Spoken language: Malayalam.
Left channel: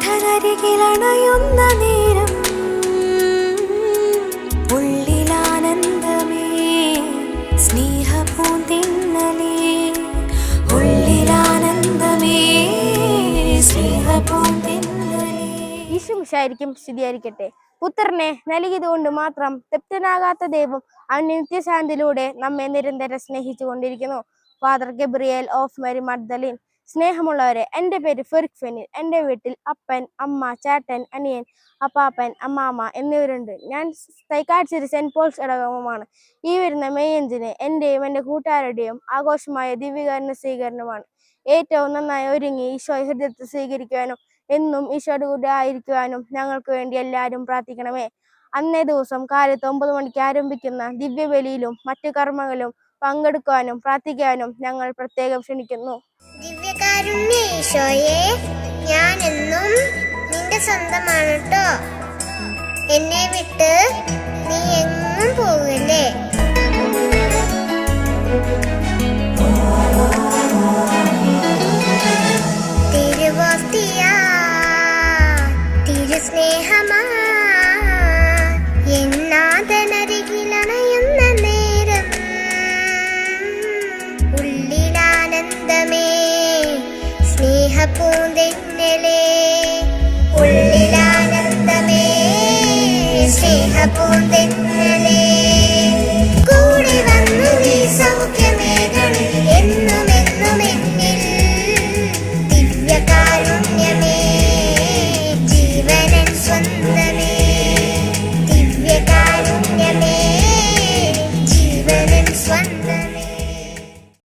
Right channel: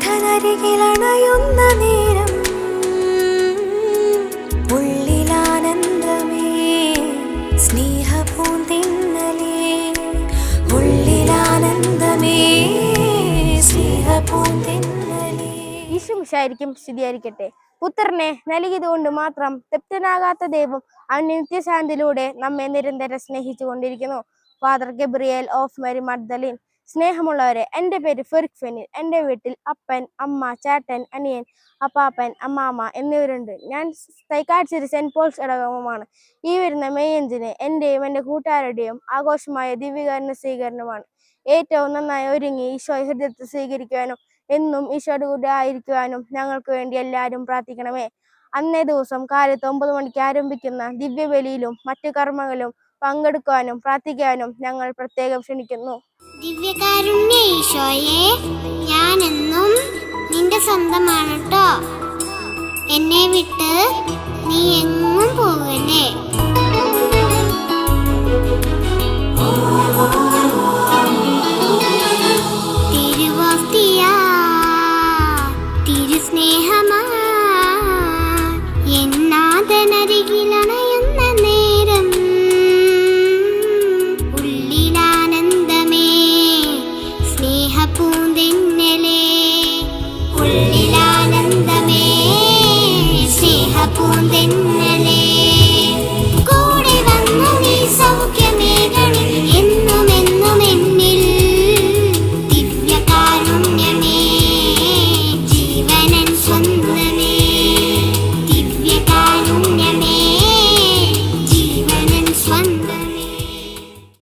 നാഥനരികിലണയുന്ന നേരം ഉള്ളിലാനന്ദമേ സ്നേഹപൂന്തിന്നലേ ഉള്ളിലാനന്ദമേ സ്നേഹപൂന്തിന്നലേ. ഈശോമിശിഹായ്ക്കും സ്തുതിയായിരിക്കട്ടെ. പുത്രനെ നൽകിയതുകൊണ്ട് മാത്രം തൃപ്തനാകാത്ത ദൈവം അവന്റെ നിത്യശാന്തിയിലൂടെ നമ്മെ നിരന്തരം സ്നേഹിച്ചു കൊണ്ടിരിക്കുന്നു. Father Gabriel of Mary Magdalene. സ്നേഹമുള്ളവരെ, എൻ്റെ പേര് ഫെറിക് ഫെനിൽ. എൻ്റെ വീട്ടിൽ അപ്പൻ, അമ്മ, ചേട്ടൻ, അനിയൻ, അപ്പാപ്പൻ, അമ്മാമ്മ എന്നിവരുണ്ട്. ഞാൻ തൈക്കാട്ടുശ്ശേരി സെന്റ് പോൾസ് ഇടവകമാണ്. ഈ വരുന്ന മെയ് 5 എൻ്റെയും എൻ്റെ കൂട്ടുകാരുടെയും ആഘോഷമായ ദിവ്യകാരുണ്യ സ്വീകരണമാണ്. ഏറ്റവും നന്നായി ഒരുങ്ങി ഈശോയെ ഹൃദയത്തിൽ സ്വീകരിക്കുവാനും എന്നും ഈശോയുടെ കൂടെ ആയിരിക്കുവാനും ഞങ്ങൾക്ക് വേണ്ടി എല്ലാവരും പ്രാർത്ഥിക്കണമേ. അന്നേ ദിവസം കാലത്ത് 9 മണിക്ക് ആരംഭിക്കുന്ന ദിവ്യബലിയിലും മറ്റു കർമ്മങ്ങളിലും പങ്കെടുക്കുവാനും പ്രാർത്ഥിക്കാനും ഞങ്ങൾ പ്രത്യേകം ക്ഷണിക്കുന്നു. ദിവ്യകാരുണ്യ ഈശോയെ, ഞാനെന്നും നിന്റെ സ്വന്തമാണ് ട്ടോ. എന്നെ വിട്ട് നീ എങ്ങും പോകല്ലേ. തിരുവോസ്തിയാ തിരുസ്നേഹമാ എന്നാഥനരികിലണയുന്ന നേരം ഉള്ളിലാനന്ദമേ സ്നേഹപൂന്തിന്നലേ